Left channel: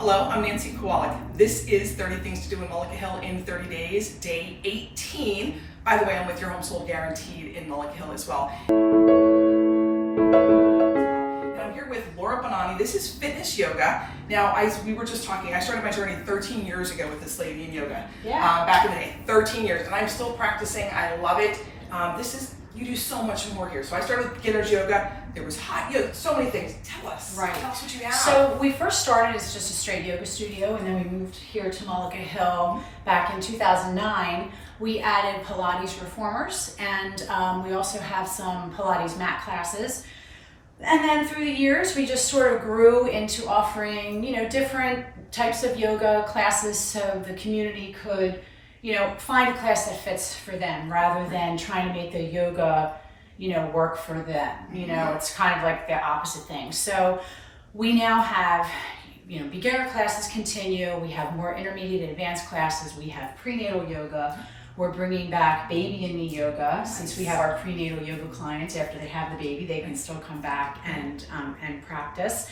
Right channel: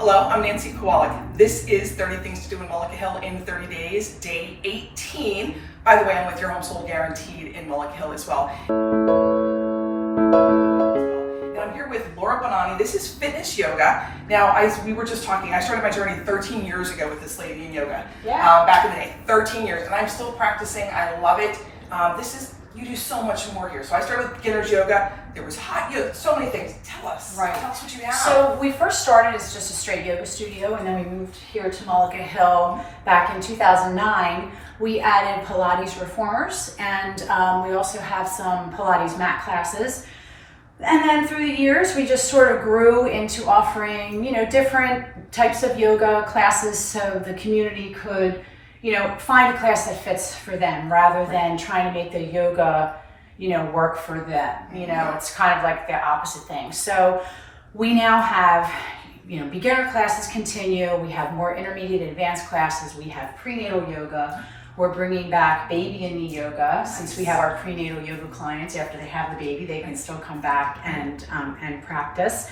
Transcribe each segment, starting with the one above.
Hello, I'm Nancy Kowalik. This is 30 Things to Do in Mullica Hil in 30 days, day 18. By the way, I'm with your home sold guaranteed in Mullica Hil as well. And I'm here with Laura Bonani. This is fitness yoga. Now, we were just talking, I started my journey 13 years ago with this lady in yoga. Back in the day, 13 years, and I'm still practicing. I love it. You do so much more here. So I started with beginner's yoga. There was hot yoga, so many things. Tell us. Right. Tell us what you have. So we first started as just a straight yoga studio, and then we moved here to Mullica Hil back in 2009. We added Pilates reformers, and we also have some Pilates mat classes. And then through the years, we just sort of grew into offering, different types of yoga classes so the community could find a class that fits for them rather than trying to make the yoga, work for them. It's kind of like the opposite thing. So we now have, beginner classes continue. We have more intermediate and advanced classes. We have prenatal yoga. We're bringing back baby and knee yoga. Since we have our prenatal yoga clients, after they have the baby, they can still come back and practice.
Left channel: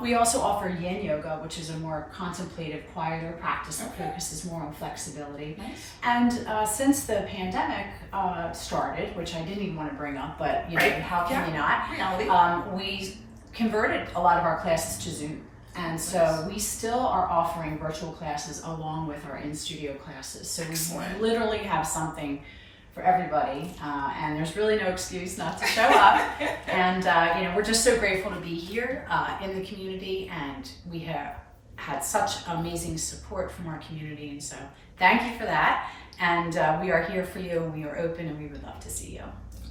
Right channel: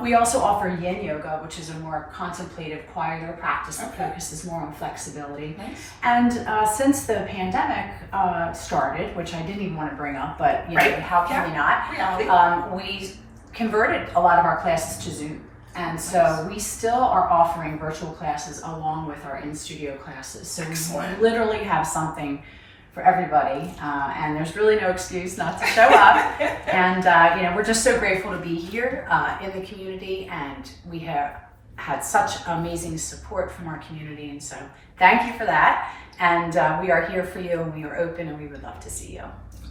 We also offer yin yoga, which is a more contemplative, quieter practice that focuses more on flexibility. Nice. And since the pandemic started, which I didn't even want to bring up, but how can we not? Reality. We converted a lot of our classes to Zoom. And so we still are offering virtual classes along with our in-studio classes. So we literally have something for everybody, and there's really no excuse not to show up. And we're just so grateful to be here in the community, and we have had such amazing support from our community, and so thank you for that. And we are here for you, and we are open, and we would love to see you.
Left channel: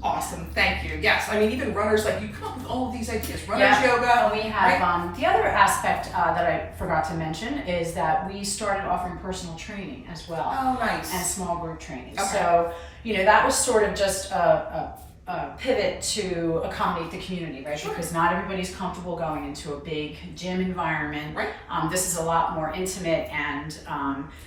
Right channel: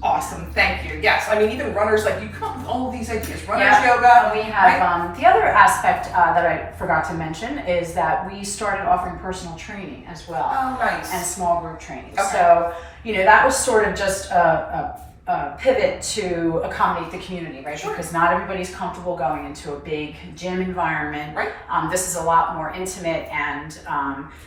Awesome, thank you. Yes, I mean, even runners, you come up with all of these ideas. Runners yoga. We have the other aspect that I forgot to mention is that we started offering personal training as well. Oh, nice. And small group training. Okay. So, that was sort of just a pivot to accommodate the community, right? Sure. Because not everybody's comfortable going into a big gym environment. Right. This is a lot more intimate, and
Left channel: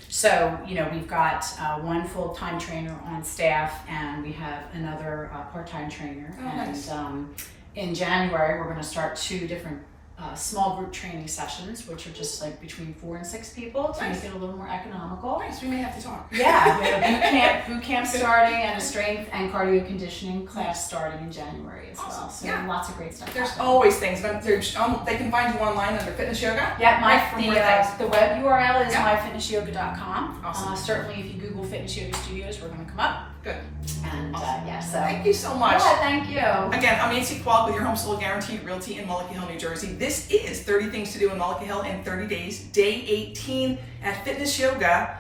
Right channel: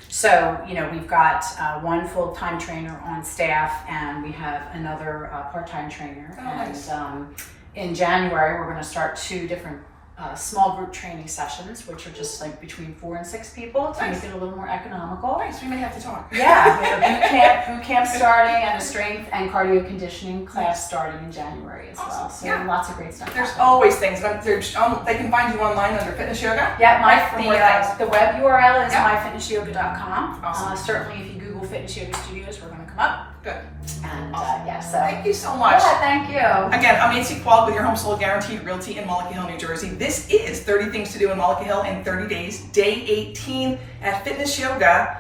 so we've got one full-time trainer on staff, and we have another part-time trainer. Oh, nice. And in January, we're going to start 2 different small group training sessions, which are just between 4 and 6 people to make it a little more economical. Nice, we may have to talk. Yeah, we have a boot camp starting, and a strength and cardio conditioning class starting in January as well. So lots of great stuff. There's happening. always things. They can find you online under fitness yoga. Yeah, the web URL is myfitnessyoga.com. Awesome. Certainly, if you Google Fitness Yoga Studios, we're going to come up. Good. And awesome. so thank you so much. Yeah, thank you. Again, I'm Nancy Kowalik with your home sold guaranteed realty in Mullica Hil, New Jersey. This is 30 Things to Do in Mullica Hil in 30 days, day 18 at Fitness Yoga.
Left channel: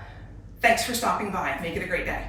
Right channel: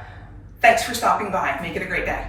Thanks for stopping by. Make it a great day.